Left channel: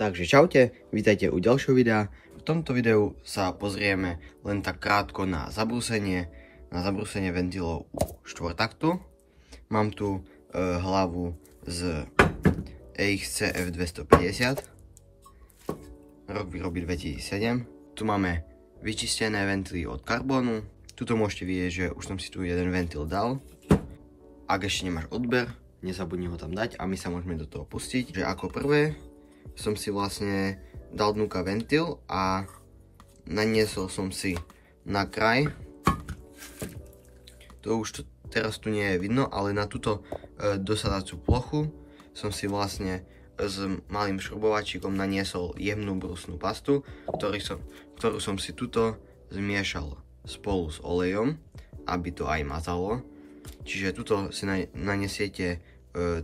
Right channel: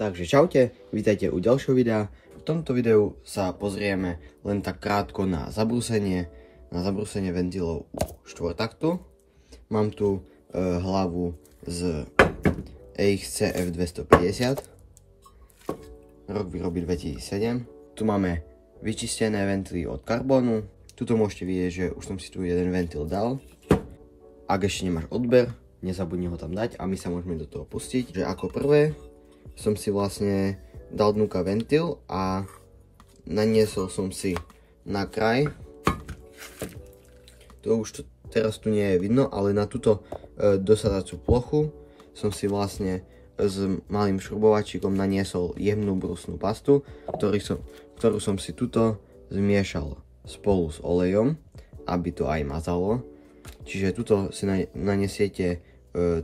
Takže čaute, vítajte u ďalšieho videa. V tomto videu sa pozrieme len tak krátko na zabrúsenie ventilov u štvortaktu. Mám tu hlavu z EXC F250, rok výroby 2007. Tu máme vyčistené ventily od karbónu. Tuto môžete vidieť, že už som si tu jeden ventil dal. Ak ešte nemáš odber, nezabudni ho tam dať a my sa môžeme do toho pustiť. Že ako prvé som si vlastne dal dnuka ventil a naniesol som si na kraj. To už teraz tu nie je vidno, ale na túto dosadacú plochu som si vlastne s malým šrubovačíkom naniesol jemnú brúsnu pastu, ktorú som si tuto zmiešal spolu s olejom, aby to aj mazalo. Čiže tuto si nanesiete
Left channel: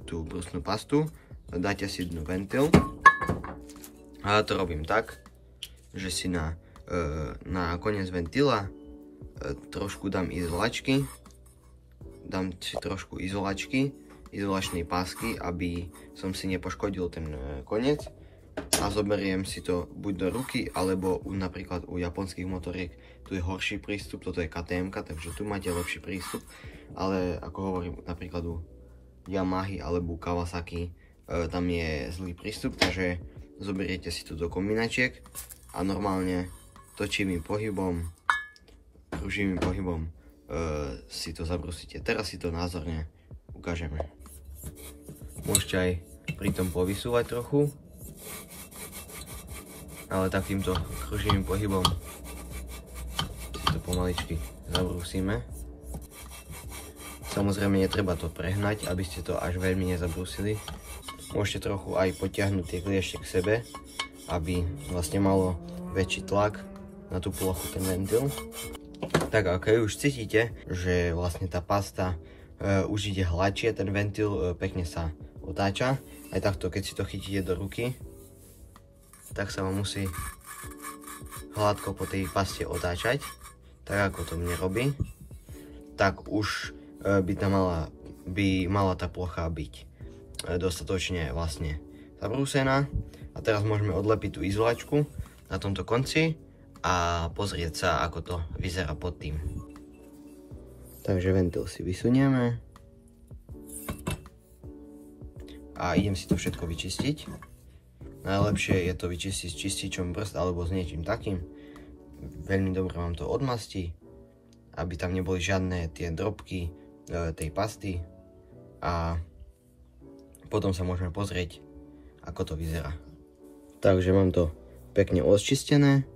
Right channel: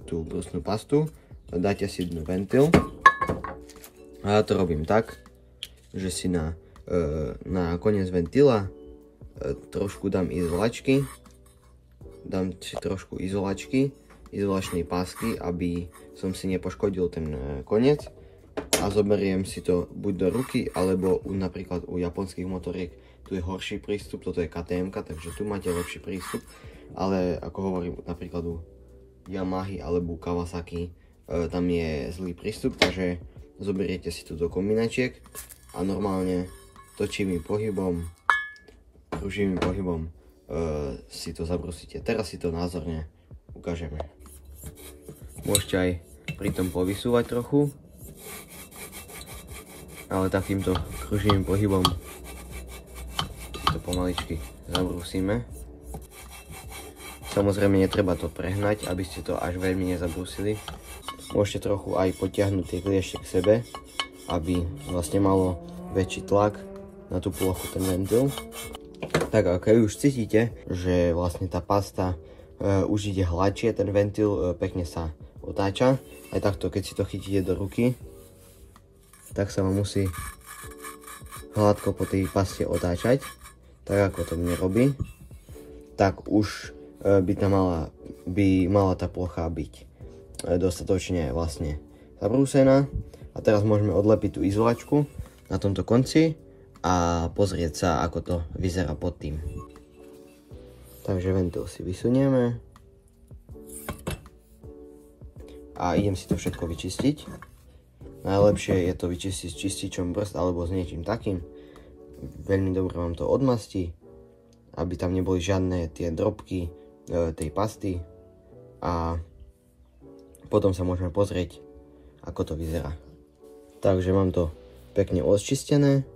tú brúsnu pastu, dáte si dnu ventil. A ja to robím tak, že si na koniec ventila trošku dám izolačky. Dám si trošku izolačnej pásky, aby som si nepoškodil ten koniec. A zoberiem si to buď do ruky, alebo napríklad u japonských motoriek tu je horší prístup, toto je KTM, takže tu máte lepší prístup. Ale ako hovorím, napríklad u Yamahy alebo Kawasaki tam je zlý prístup, takže zoberiete si to do kombinačiek a normálne točivým pohybom, pruživým pohybom si to zabrúsite. Teraz si to názorne ukážeme. Môžete aj pri tom povysúvať trochu, ale takýmto pruživým pohybom si to pomaličky zabrúsime. Samozrejme netreba to prehnať, aby ste to až veľmi nezabrúsili. Môžete trochu aj potiahnuť tie kliešte k sebe, aby vlastne malo väčší tlak na tú plochu ten ventil. Tak a keď už cítite, že vlastne tá pasta už ide hladšie, ten ventil pekne sa otáča. Aj takto, keď si to chytíte do ruky, tak sa vám musí hladko po tej paste otáčať, tak ako to mne robí. Tak už by mala tá plocha byť dostatočne vlastne zabrúsená. A teraz môžeme odlepiť tú izolačku na tomto konci a pozrieť sa, ako to vyzerá pod tým. Takže ventil si vysunieme a idem si to všetko vyčistiť. Najlepšie je to vyčistiť s čističom brzd alebo s niečím takým. Veľmi dobre vám to odmastí, aby tam neboli žiadne tie drobky tej pasty a potom sa môžeme pozrieť, ako to vyzerá. Takže mám to pekne odčistené,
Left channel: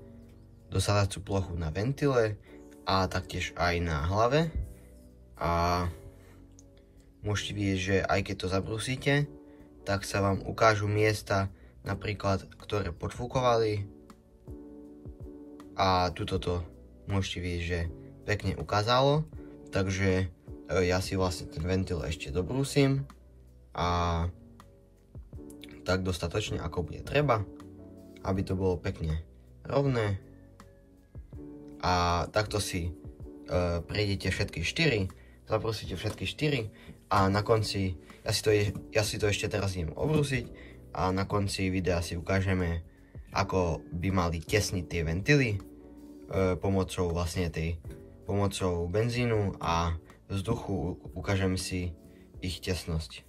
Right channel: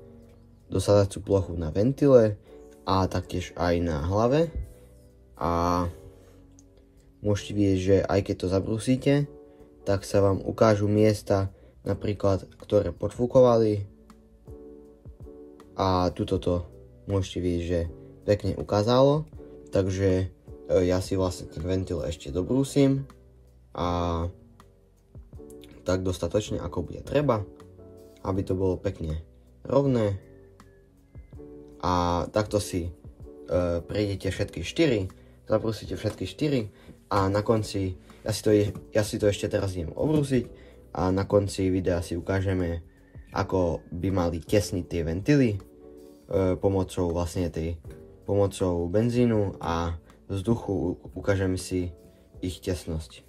dosadacú plochu na ventile a taktiež aj na hlave. A môžete vidieť, že aj keď to zabrúsite, tak sa vám ukážu miesta, napríklad, ktoré podfúkovali. A tuto to môžete vidieť, že pekne ukázalo. Takže ja si vlastne ten ventil ešte dobrúsim a tak dostatočne, ako bude treba, aby to bolo pekne rovné. A takto si prejdete všetky 4, zabrúsite všetky 4 a na konci, ja si to ešte teraz idem obrúsiť a na konci videa si ukážeme, ako by mali tesniť tie ventily pomocou benzínu a vzduchu. Ukážem si ich tesnosť.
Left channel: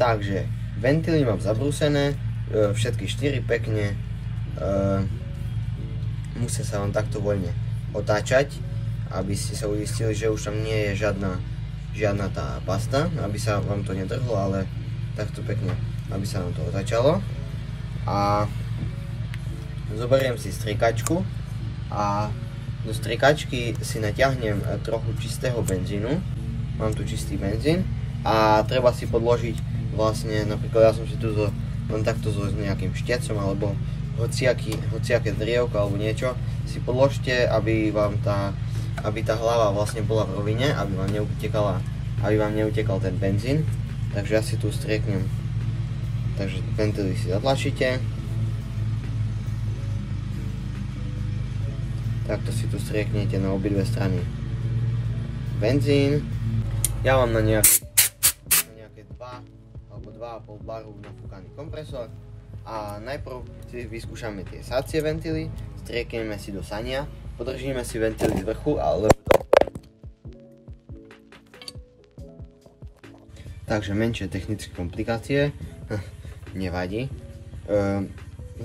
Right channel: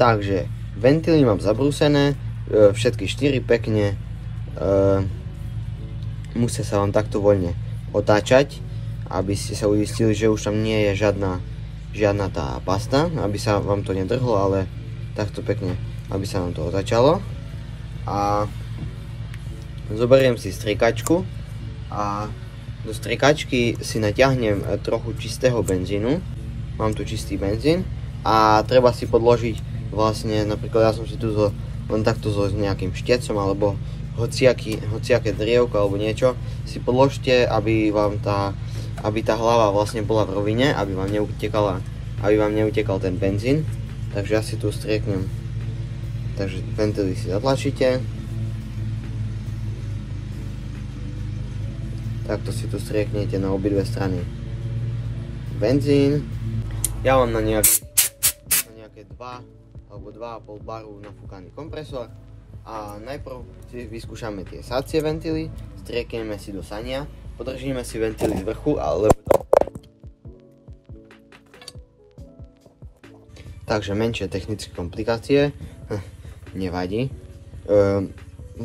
Takže ventily mám zabrúsené, všetky 4 pekne, musia sa vám takto voľne otáčať, aby ste sa uistili, že už tam nie je žiadna tá pasta, aby sa vám to nedrhlo, ale takto pekne, aby sa vám to otáčalo. A zoberiem si striekačku a do striekačky si natiahnem trochu čistého benzínu. Mám tu čistý benzín a treba si podložiť vlastne, napríklad ja som si tu len takto s nejakým štecom alebo hociaké drievko alebo niečo si podložte, aby tá hlava vlastne bola v rovine, aby vám neutekal ten benzín. Takže ja si tu strieknem. Takže ventily si zatlačíte. Takto si tu strieknete na obidve strany benzín. Ja mám na nejaké 2 alebo 2,5 baru nafúkaný kompresor. A najprv si vyskúšame tie sácie ventily, striekneme si do sania, podržíme si ventily z vrchu, alebo takže menšie technické komplikácie, nevadí.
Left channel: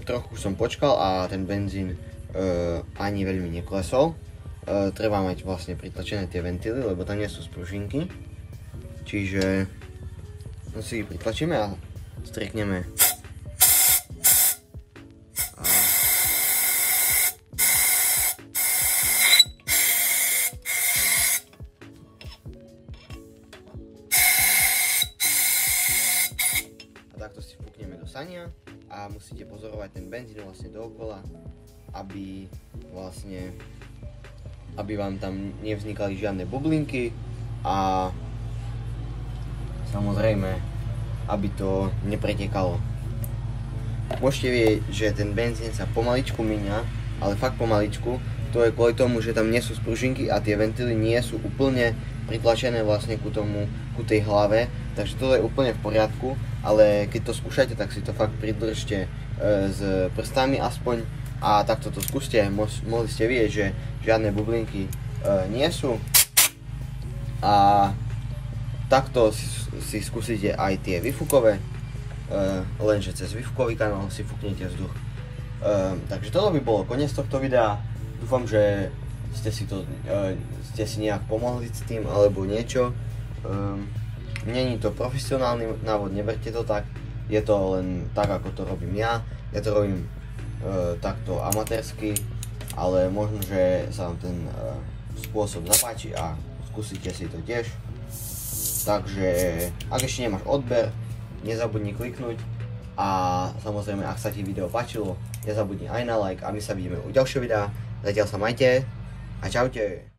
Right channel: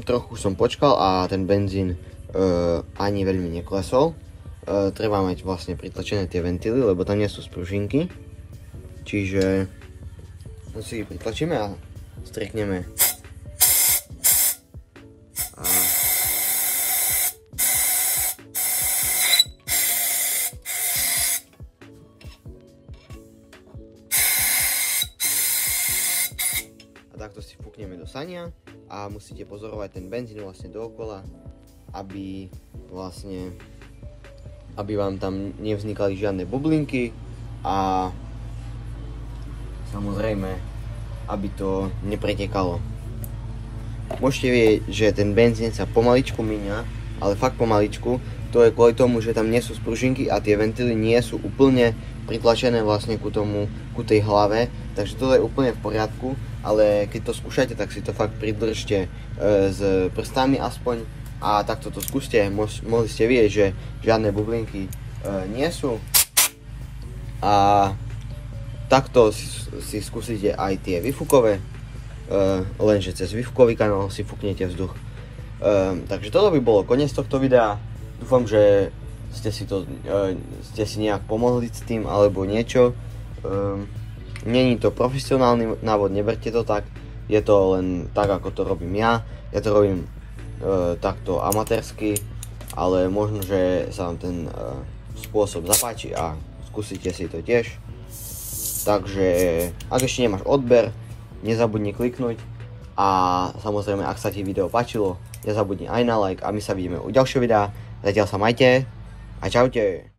Trochu som počkal a ten benzín ani veľmi neklesol. Treba mať vlastne pritlačené tie ventily, lebo tam nie sú spružinky. Čiže si ich pritlačíme a striekneme. A takto si fúkneme do sania a musíte pozorovať ten benzín vlastne dookola, aby vám tam nevznikali žiadne bublinky a samozrejme, aby to nepretekalo. Môžete vidieť, že ten benzín sa pomaličku míňa, ale fakt pomaličku. To je kvôli tomu, že tam nie sú spružinky a tie ventily nie sú úplne pritlačené vlastne ku tej hlave. Takže to je úplne v poriadku, ale keď to skúšate, tak si to fakt pridržte s prstami aspoň a takto to skúste. Mohli ste vidieť, že žiadne bublinky nie sú. A takto si skúsite aj tie výfukové, lenže cez výfukový kanál si fúknete vzduch. Takže toto by bolo koniec tohto videa. Dúfam, že ste si nejak pomohli s tým alebo niečo. Není to profesionálny návod, neberte to tak. Je to len tak, ako to robím ja. Ja to robím takto amatérsky, ale možno, že sa vám ten spôsob zapáči a skúsite si to tiež. Takže ak ešte nemáš odber, nezabudni kliknúť a samozrejme, ak sa ti video páčilo, nezabudni aj na like a my sa vidíme u ďalšieho videa. Zatiaľ sa majte a čaute.